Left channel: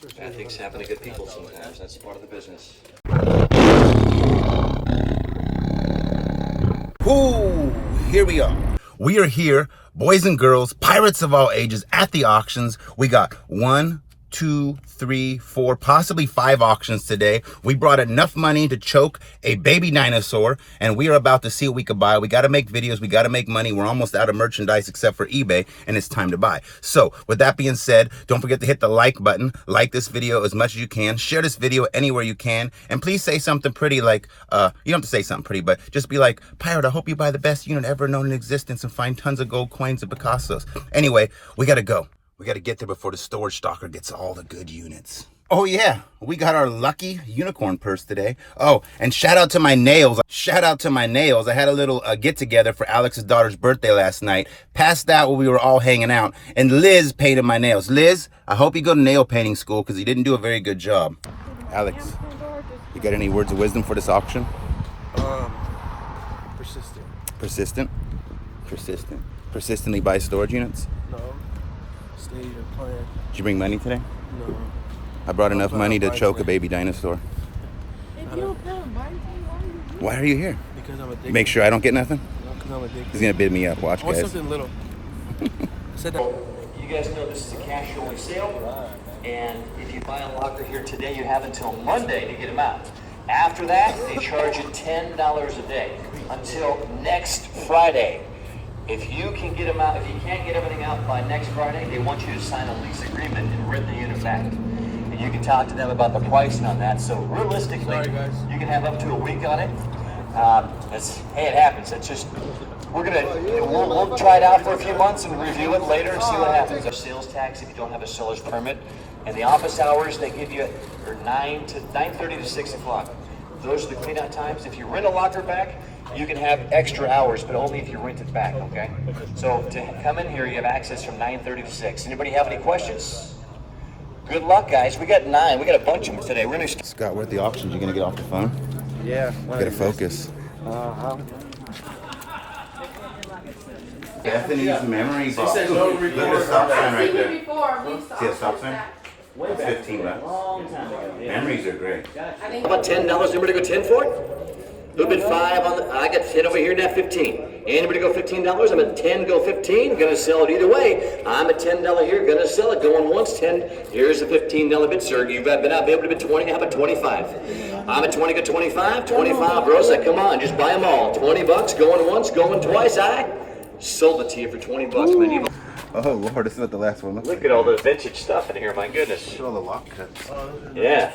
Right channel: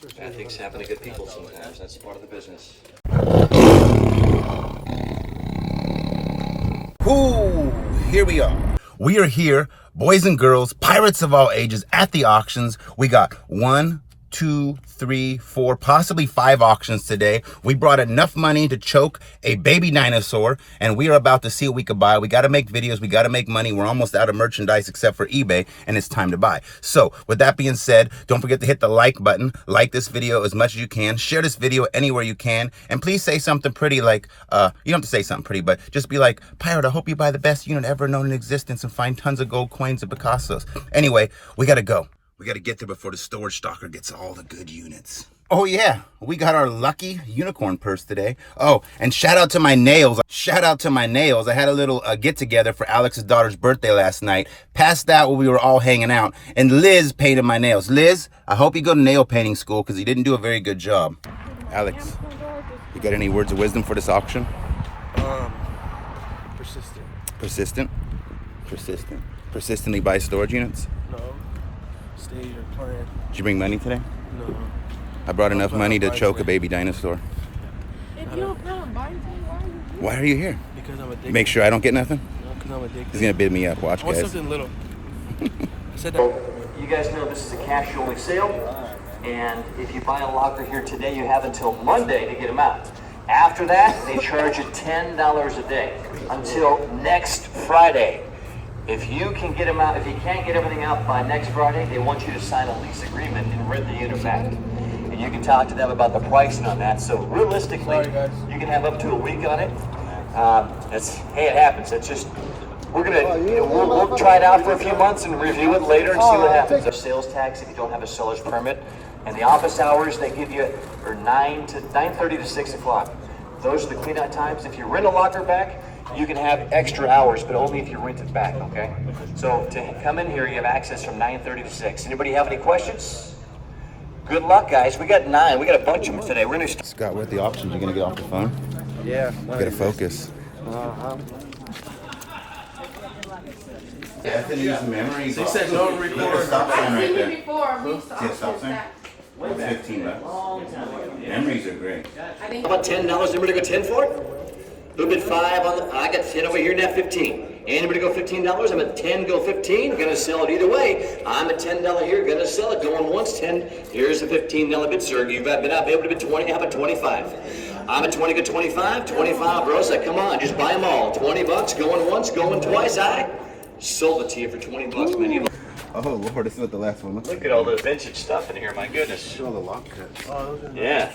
Bad things happen to good people sometimes. That's part of the business. Ooh, here we are. We are here, boys and girls, pirates of all ages, at the auctions. We got 1, 2, 3, 4, possibly 5 auctions today. We brought enough money to choke a baby dinosaur, and we are about to see what we could buy. We got to make videos. We got to make money. We're almost out of merchandise except for eBay, and it's time to buy. So with that being said, don't forget to hit the like button. Like this video as much as you can. Share this video anywhere you can. And please say something pretty like, you don't have to say something pretty, but just be like, Pirate, I hope you buy the best unit ever known in existence and find tons of gold coins and Picassos. Anyway, we got to go. We got to get there before the storage stalker gets all the good units. Oh yeah, we got our lucky unicorn purse today. Oh, and shout out to my nails. Shout out to my nails. I had a little get together for Alex's daughter's birthday last night. Passed out while we were all hanging out. And Liz painted my nails. Liz, I hope you go to nail painting school because he didn't do a very good job. Alex, you got any words of wisdom for this auction? Persistent. Persistent? Persistent. Persistently buy storage units? No. Stay your plan. Did you bring money today? No. I brought enough money to choke a baby dinosaur. If you don't plan on buying something, why are you here? Why are you here? Because I'm addicted. Make sure I don't get nothing? No, because I'm addicted. He's gonna bid me up. Watch, I want guys. something little. I said that. You guys know this is a cash-only sale, and if you buy a locker here today, you have until Monday to get them out. After that, they charge you $10 a day until next Friday. If you can get them out, if you can't get everything out by next Friday, they want you to sign a lease agreement and rent the unit back. And you can talk to them about the pricing on that. So realistically, you can have up to a week on it. Hey, it happens. It's just, we'll try it out for a few months and review it later and see what happens. There's sales tax if you don't have a seller's permit. And the office hours they give you are 9:30 to 6 o'clock. Those are the clean-out times. If you rent a locker back, you can have extra hours, but only if you rent it back, okay? So to come in here, you have access from 9:30 to 6. Anybody have any questions? Good luck, guys. We got 9. We got a bunch of them today. We're gonna Scott, we're at the auctions. You gonna get off the phone? Yeah. You gotta focus. Bethany's memory box. Look at the stop sign right there. See a stop sign? It's 15 bucks. Memories are great. How about $10? Anybody go 10 for it? Who bid 5 on the? I got 10 over here, now 15. Anybody go $15? I'm at 10, go 15. Gonna sell it either way. I'm at $10 here, gonna sell it. Going once, 10. Here's the $15 bid, sir. You've been out able to bid 20. How about 25? I'm at 20, go 25. 25, bro. So come on, just buy them all. 20 bucks, going once, going twice. I sold it to you for 20 bucks, man. Oh Lord, this is not the last one. Look at all the vintage stuff in here, my goodness. Look at all the lock cuts. Yeah.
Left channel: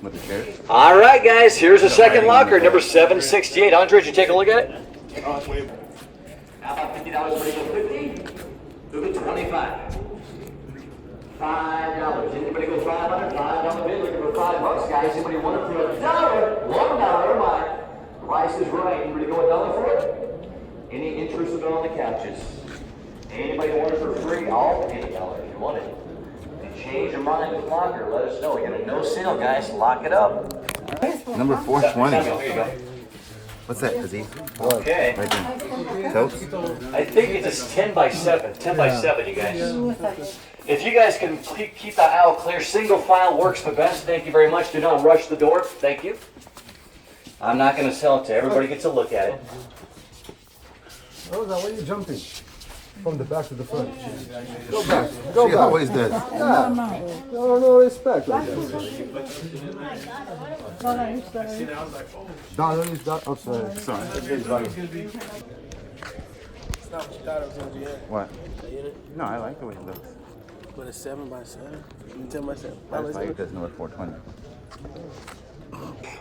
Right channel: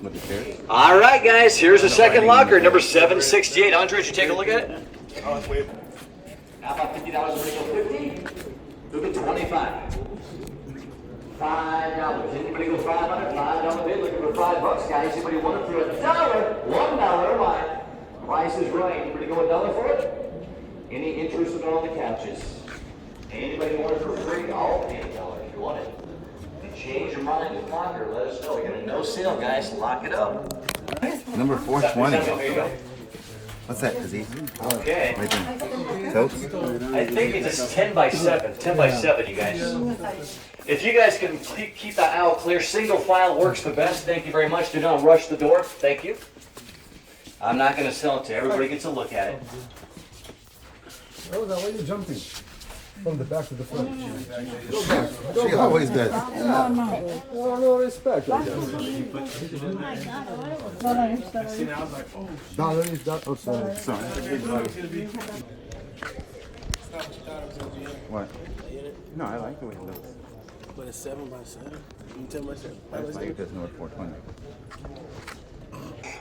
With the carrots. All right, guys, here's the second writing locker, in the number back. 768. Andre, did you take a look at it? How about $50? Who bid 25? $5. Anybody go 500? $5 bid, looking for $5, guys. Anybody want it for $1? $1, my price is right. Anybody go $1 for it? Any interested on the couches? Anybody want it for free? I'll pay $1 if you want it. Change your mind with locker, let us know. We got a no sale, guys. Lock it up. Number 420. Here you go. What's that, Aziz? Okay. Right there. Totes? I think it's 10 by 7. 10 by 7, you guys. If you guys can keep the aisle clear, single file works the best. Thank you very much. Do not rush the door. Thank you. I'm not going to sell it to everybody. Gets a look at it. Rosa, why are you jumping? From the back to the front. Go back. Go She back. always does. No respect. Like that. No, is that? Oh, sorry. Sorry. What? No, I like the way it looks. But it's 7 by 7. You tell myself. That's why it doesn't know at 420.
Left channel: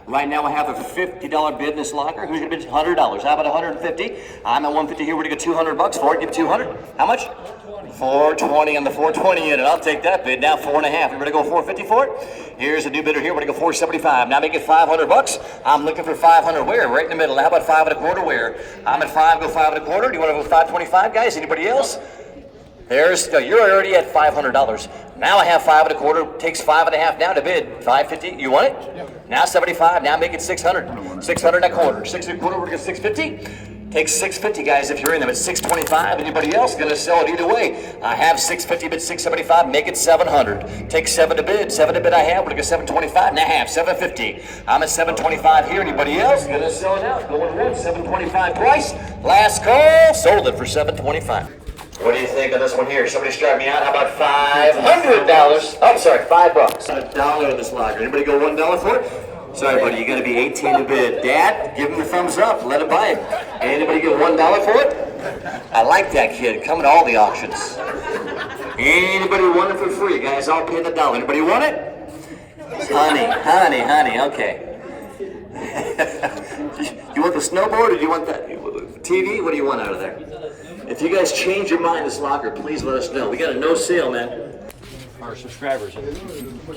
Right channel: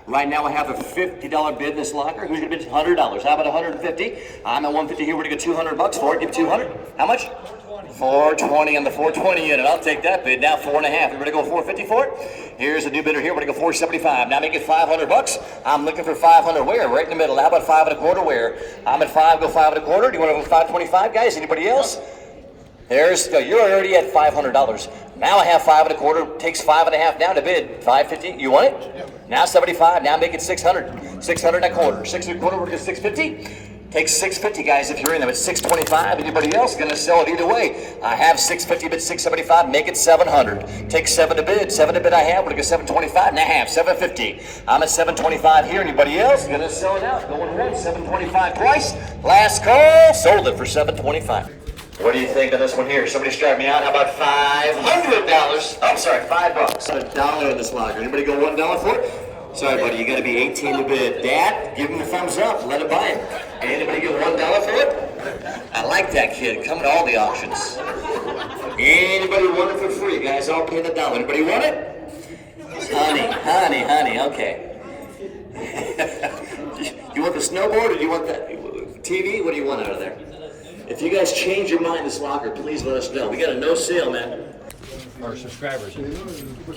Right now I have a $50 bid in this locker. Who's going to bid $100? How about $150? I'm at $150 here. We're going to get $200 for it. Give $200. How much? $420 on the 420 unit. I'll take that bid. Now 4.5. You ready to go $450 for it? Here's a new bidder here. We're going to go $475. Now make it $500. I'm looking for $500 where? Right in the middle. How about 5.25 where? I'm at 5. Go 5.25. Do you want to go $525, guys? Anybody else? You're already at $500. Now I have 5.25. Takes 5.5 now to bid. $550. You want it? Now 75. Now make it 600. 600 and a quarter. 6 and a quarter. We're going to go $650. Take 650, guys, if you're in them. It's 625. Anybody else gonna sell it either way? I have 650, bid 675. Make it 700. Take 7 to bid. 7 to bid. I have. We're gonna go 725. And I have 750. I'm at 725 here. Anybody else gonna sell it out? Going once. 725 twice. Last call. Sold it for 725. What do you think on this one here? Somebody start me out. How about $500? I'm sorry, $5. $1 in this locker. Anybody go $1 for it? Sorry, buddy, you got to be 18 to bid. Dad, give him the thumbs up. Let it buy it. Anybody get $1 for it? I like that kid. Coming to all the auctions. Anybody want it for free, guys? I'll pay the $1. Anybody want it? Honey. Okay. You want the snowboard or do you want the TV? What do you want out of there? If you guys change your mind in this locker, please let us know. We got a no sale, man. Our subscribers.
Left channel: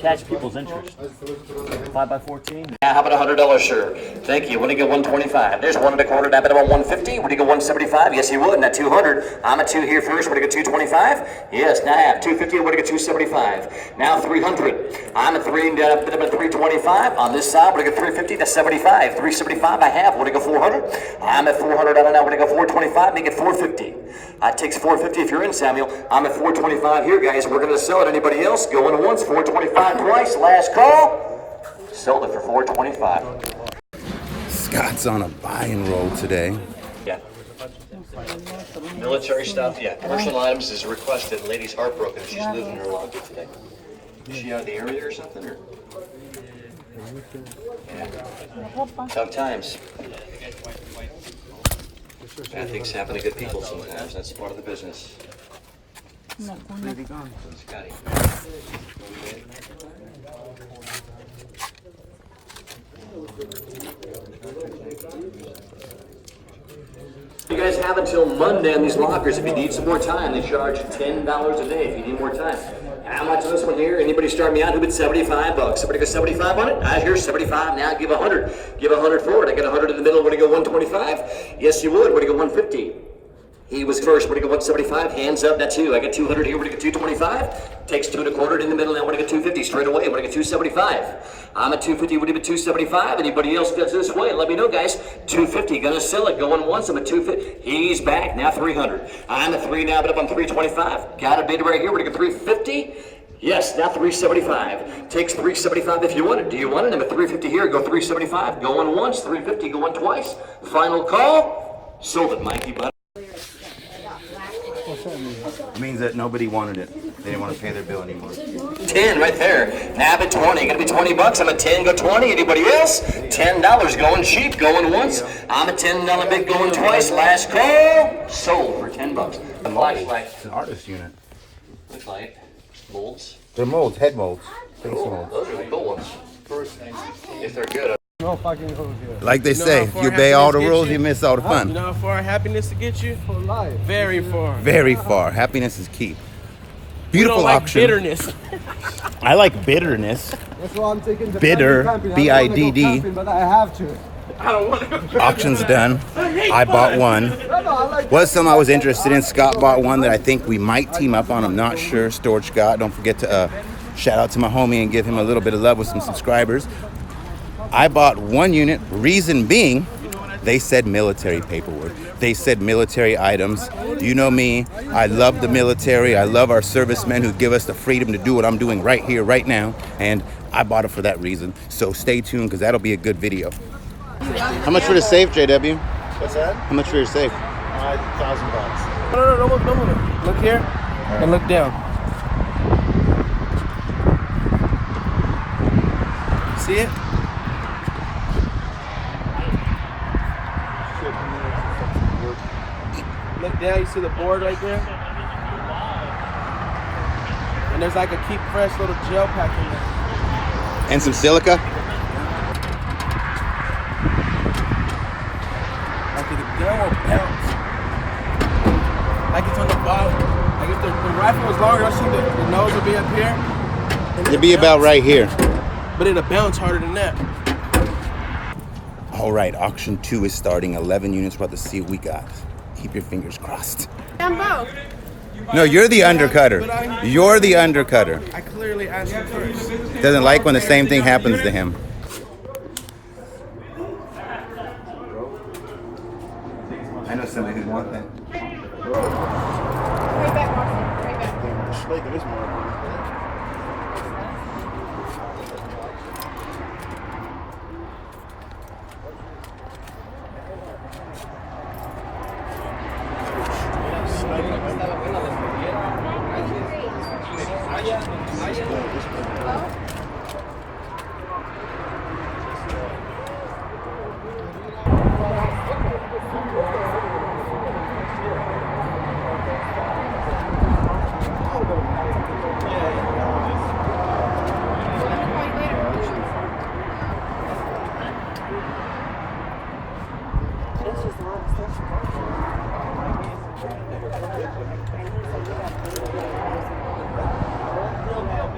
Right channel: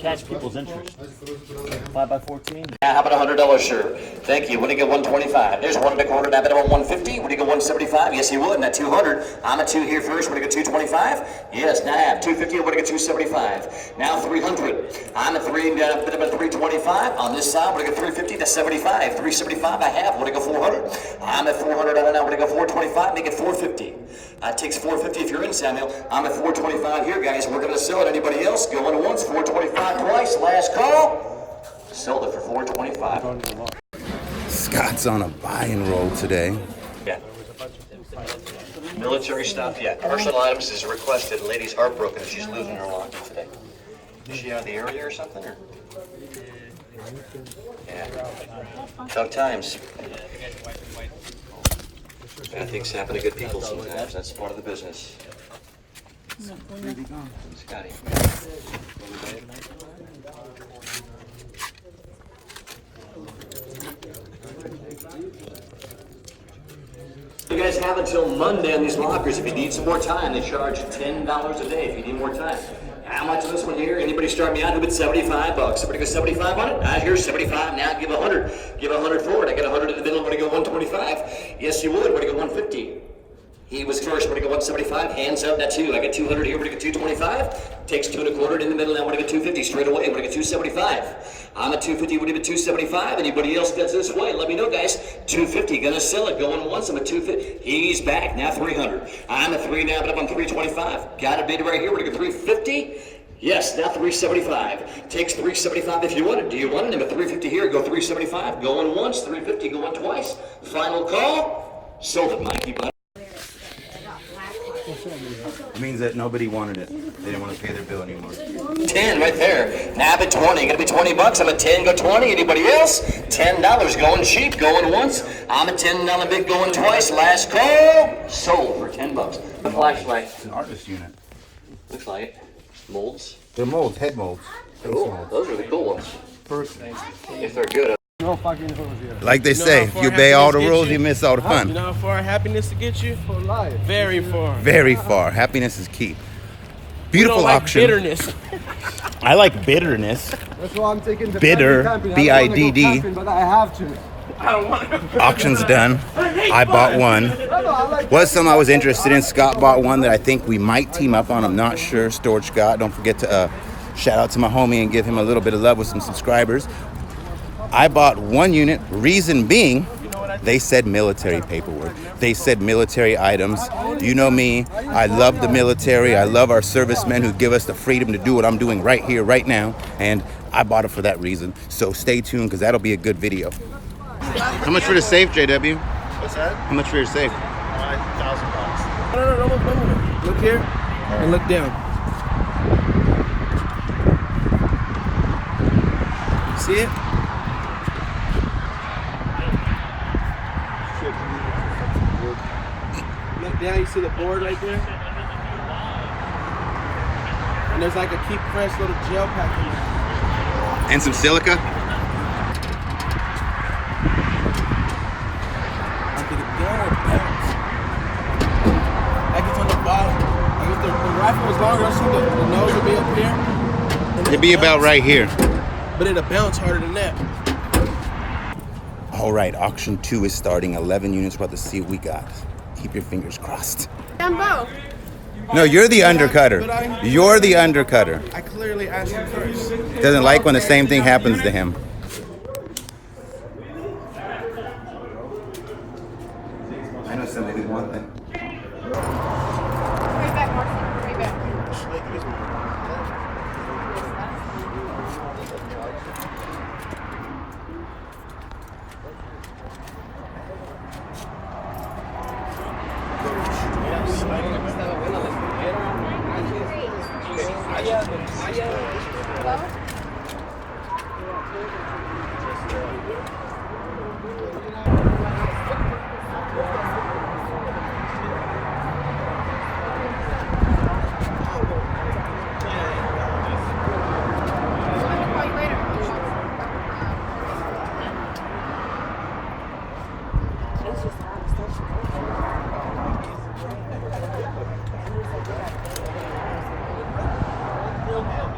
Catch people's interest. 5x14. Yeah, how about $100 shirt? Thank you. Would you get 125? There's 1 1/4. I bet about 150. Would you get 175? Yes, he would. Not 200. I'm at 2 here first. Would you get 225? Yes. Now I have 250. Would you get 275? Now 300. I'm at 3 and down a bit about 325. On this side, would you get 350? That's 75. 375. I have. Would you go 400? I'm at 400. I don't know. Would you go 425? Make it 450. It takes 450 if you're in, Samuel. I'm at 425 here, guys. We're gonna sell it. Anybody else? Going once, 425 twice. Last call. Sold it for 425. Scott's on a buy and roll today. Yeah. Military stuff, yeah. Commercial items is requested. Lady's heartbroken. She's losing her locker today. Is she out of the area or something? Or? Yeah. Tough times. Bad things happen to good people sometimes. That's part of the business. Scotty. You guys have until Monday on these lockers. If you need some more time, they charge $10 a day if you need more time. How much on this one here? Anybody start me out? Who bid $75? Somebody go 75 on it? I hear 75. Now give 100. Give 100 for it. I got 100 in the middle. Would you go 125? Yes, you would. Would you go 150? He was first. Would you go 175? Hands up. That's you. I got 200 here. Would you go 225? Takes 2 1/4 in the middle. Now would you go 250 straight away? Would you go 275? I'm at 250. Would you go 275? Anybody else gets this way? Let me know, guys. 250. Gonna sell it. Going once. I'm at 250. He's back. Now 300. I'm at 3 now, but up on 325. Got a bid right here. Would you go 350? Yes, now 375. Takes 375 if you want it. Do you want it? I'm at 350 here. Go 375. Going once. 350. Going twice. Final call. Sold it, Mikey. Bud. It means that nobody wanted it. They didn't want to pay their bill anymore. 10 right there. Now at 20. Gonna be $20. I'm at 10. Go 20. Anybody else? $10 going cheap. Going once. I'm at $10 big. Going twice. Last call. Sold for $10. The flashlight. It's an artist unit. Looks like molds. They're molds, head molds, face molds. Those are the cool ones. If they're good. Like they say, if you obey all the rules, you miss all the You fun. know how far happiness to get you? For life. Very far. Very far. Happiness is key. Beautiful Like auction. bitterness. I like bitterness. That's why I'm taking the Bitter, camping. B-I-D-D. I don't wanna go camping, but I have to. I don't want to. Auction's done. I bought one. Was some I was interested in. Scott bought one that I think we might team up on. I'm not sure. Storage Scott. Don't forget to shout out to my homie and give him a little bit of love with some subscribers. I bought one unit. Reason being, they said military paperwork. They said military items. You know me. I love the military. I love our servicemen who give us the freedom to do what I'm doing right here, right now. And I bought it for that reason. So stay tuned because that'll be a good video. How much for the safe, JW? What's that? How much for your safe? $1,000. No. Look here and look down. See it? Look down, you see the board right there? And there's like a keep fresh little gel pack in there. And some silica? Like the gun will bounce. Like it's on the bottom. Like if the rifle was longer, I see the nose would be up here. And It'd be about right here. But it'll bounce harder than that. All right, auction 2 is starting. 11 units. We're about to see what we got. Keep your fingers crossed. Them both. No, you're the undercutter. You're the undercutter. I clearly asked you first. Doesn't like when the same thing happens to him. Somebody didn't want that.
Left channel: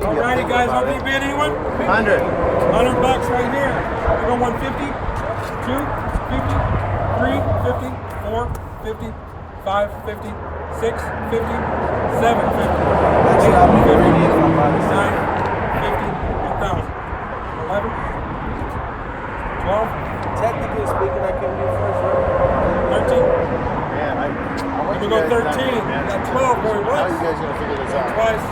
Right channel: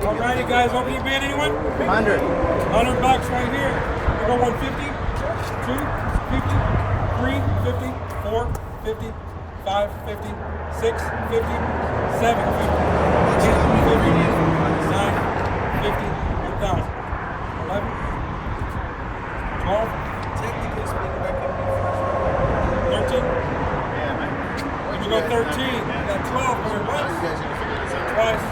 Alrighty guys, how many bid anyone? 100. 100 bucks right here. We go 150, 2, 50, 3, 50, 4, 50, 5, 50, 6, 50, 7, 50, 8, 50, 9, 50, 1,000, 11, 12, Technically speaking, I can do first. 13. Here we go 13. We got 12 going once, twice.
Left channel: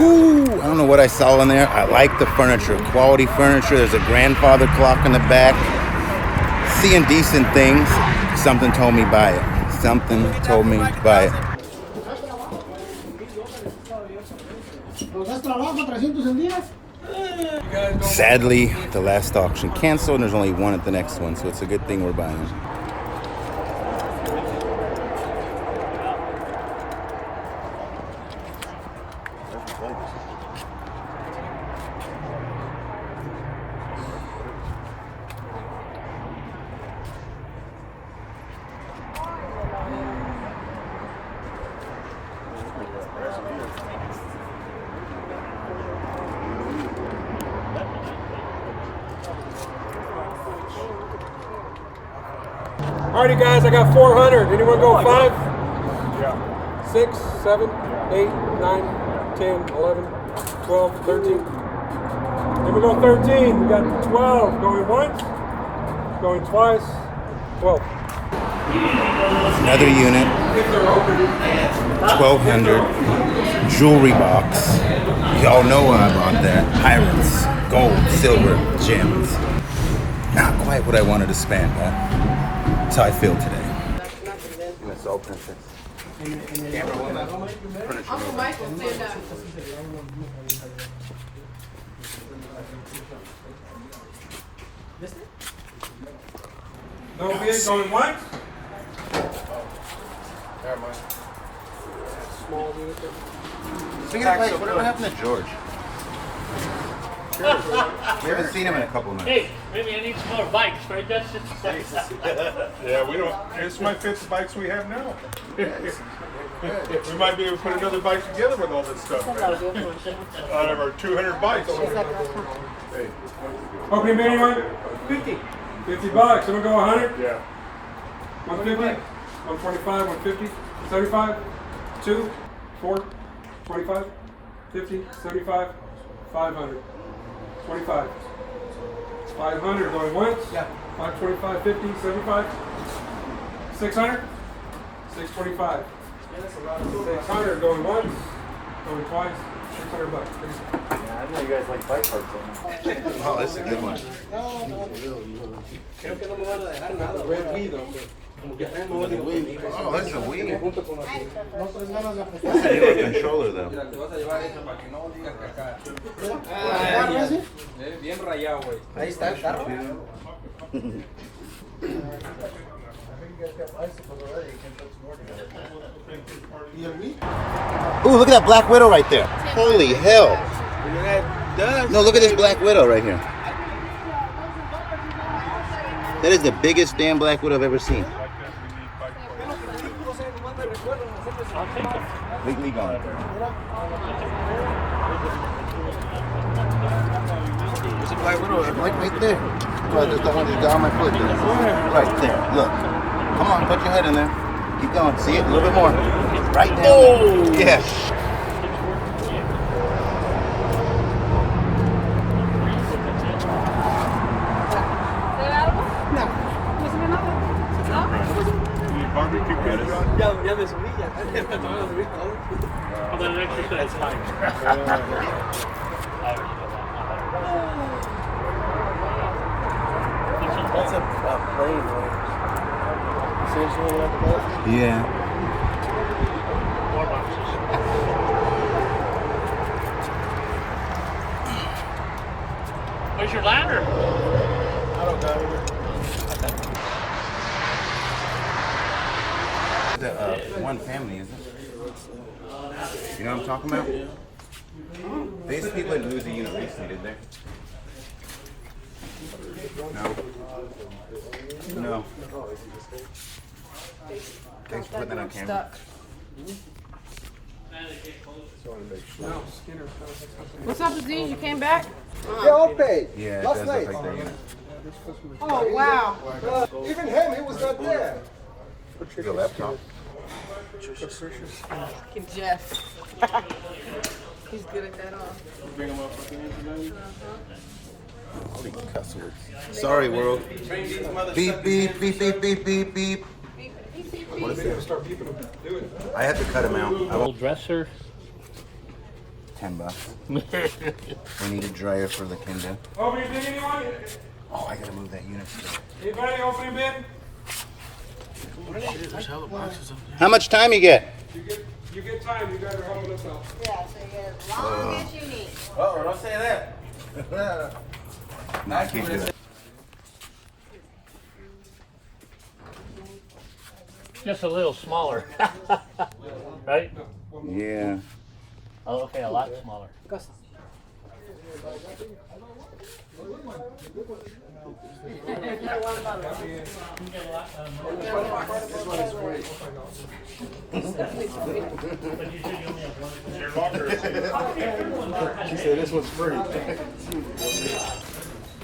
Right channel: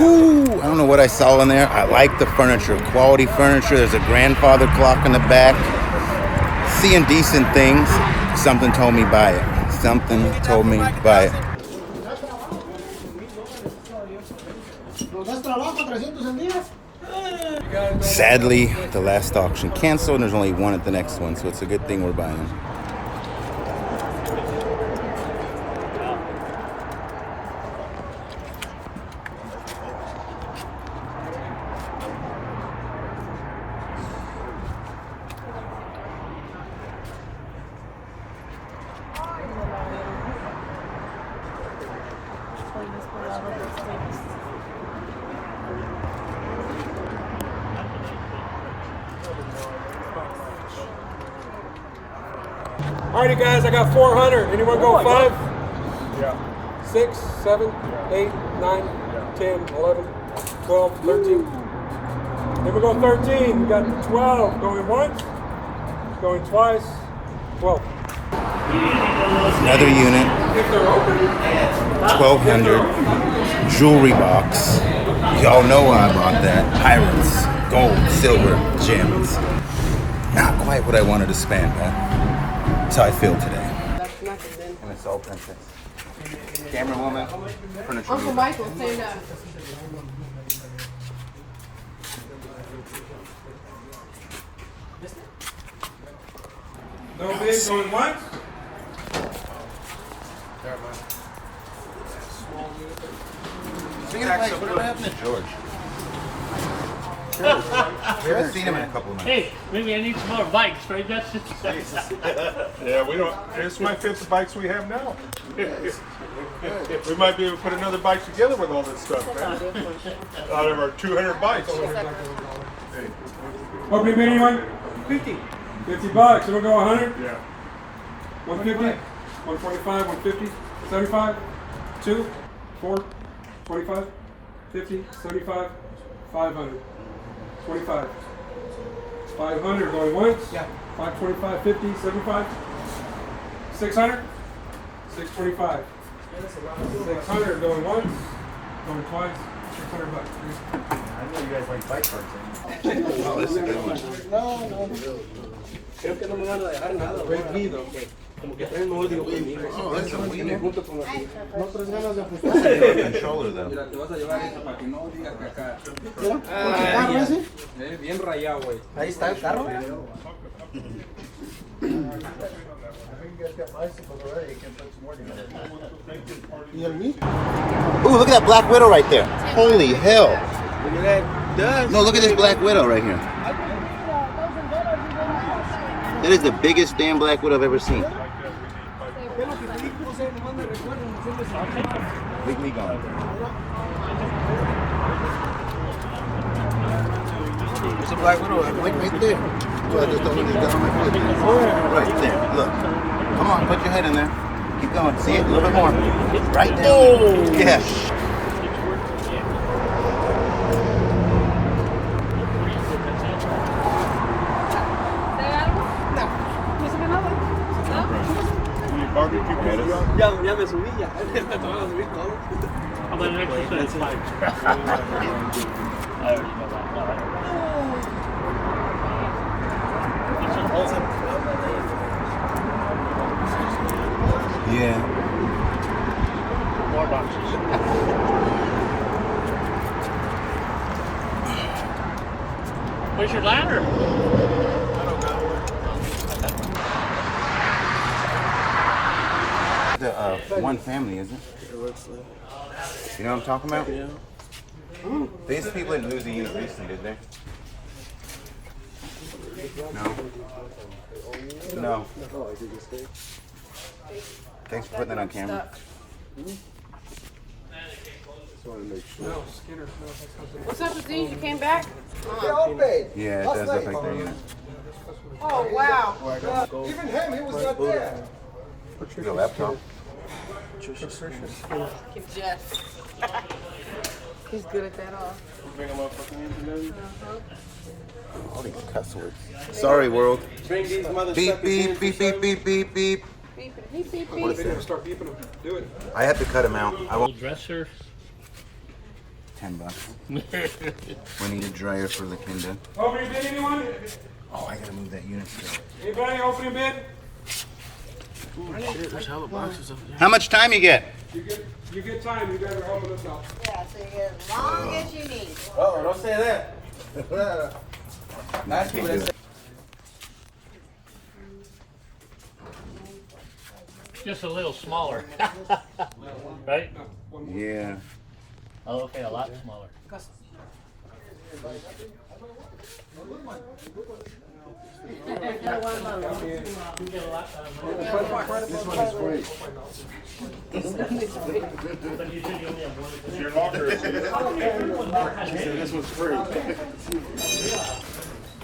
Ooh, I don't know what I saw in there. I like the furniture, quality furniture. There's a grandfather clock in the back. Seeing decent things. Something told me buy it. Something told me buy it. Sadly, the last auction canceled and there's only one at the next one, so it's a good thing we're buying. Alrighty guys, I got 400. Anyone go 5? Yeah. 6, 7, Yeah. 8, 9, Yeah. 10, 11, 12, 13. Here we go 13. We got 12 going once, going twice, 12. Another unit, 1200 jewelry box. Y'all know why I bought that. Pirates, gold, silver, gems. Not quite what I wanted to spend, but that's how I feel today. And it's all princess. Camera woman, furniture Uncle mover. Michael, stand up. No bid going once. Speaking of Mike, whatever happened to George? We haven't seen him in a couple nights. Hey, maybe I need some more bikes, right, Justin? Yeah, we don't. This might fit the bikes we have now. We might be able to put another bike together with all this stuff, man. Out of our 200 bikes. Okay, bid anyone? 50. 50 bucks. So we'll go 100. Yeah. 150, 125, 150, 75, 2, 4, 25, 50, 75, 500, 25, 500 going once, 525, 50, 75, 600, 625, 600 going once, going twice, 600 bucks. I know you guys like bike parts. Oh, this is a good one. Oh, that's a Wii. That's a newer controller, though. Ooh, look at that Black Widow right there. Holy hell. Look at that dust. No, look at this Black Widow right here. That is the biggest damn Black Widow I've ever seen. Legally gone. There's a Black Widow right there. Well, I just don't want to get on my foot there. Right there. Look. Come on, put your head in there. Keep going. See it? A little bit more. Right there. Oh! Yes. You need Barbie? Yeah. Where's your ladder? I don't know. The one family, isn't it? You know what I'm talking about? These people didn't lose a unit recently, did they? No. No. Thanks for putting that on camera. What's up, Aziz? You came back? Yeah, it does look like their unit. Oh, wow. Even him, he was not there. Your laptop. Jeff. He's good at that all. All these cuss words. Sorry, world. Beep, beep, beep, beep, beep, beep, beep. What is that? Start beeping them. Do it. I had to cut him out. I Little won't. dresser. $10. We need a dryer for the Kinda. Opening bid, anyone? Oh, I gotta move that unit still. Anybody opening bid? How much time you get? You get time. You guys are holding this up. Oh, don't say that. No, I can't do it. Just a little smaller. Right? Yeah. Oh, okay, a lot smaller. Your locker. She said this one's free.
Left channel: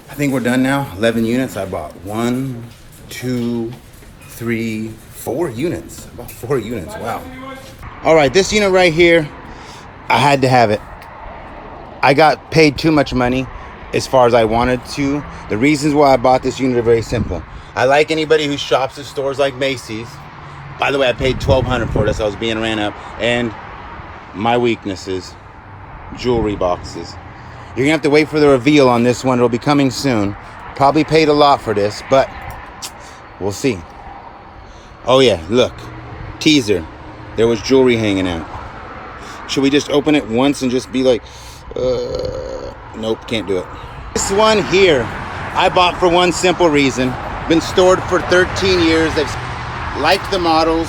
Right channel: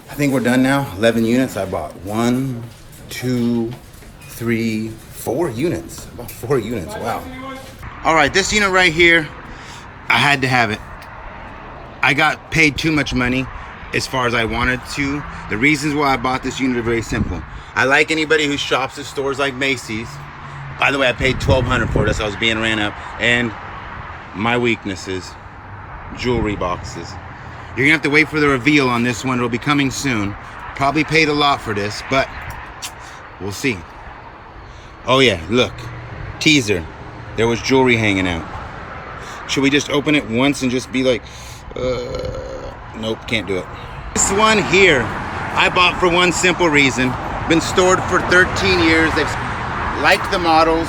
I think we're done now. 11 units. I bought 1, 2, 3, 4 units. About 4 units. Wow. All right, this unit right here, I had to have it. I got paid too much money as far as I wanted to. The reasons why I bought this unit are very simple. I like anybody who shops at stores like Macy's. By the way, I paid $1,200 for this. I was being ran up. And my weaknesses, jewelry boxes. You're gonna have to wait for the reveal on this one. It'll be coming soon. Probably paid a lot for this, but we'll see. Oh yeah, look, teaser. There was jewelry hanging out. Should we just open it once and just be like, nope, can't do it. This one here, I bought for one simple reason. Been stored for 13 years. They've liked the models.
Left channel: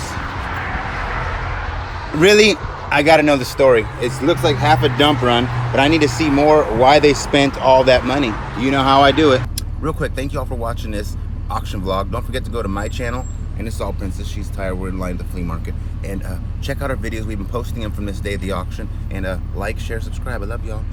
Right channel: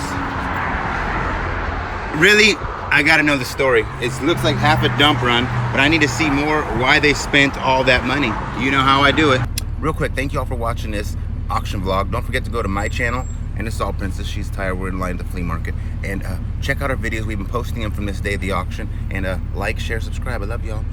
Really, I gotta know the story. It looks like half a dump run, but I need to see more why they spent all that money. You know how I do it. Real quick, thank you all for watching this auction vlog. Don't forget to go to my channel, and it's all Princess. She's tired. We're in line at the flea market. And check out our videos. We've been posting them from this day of the auction. And like, share, subscribe. I love y'all.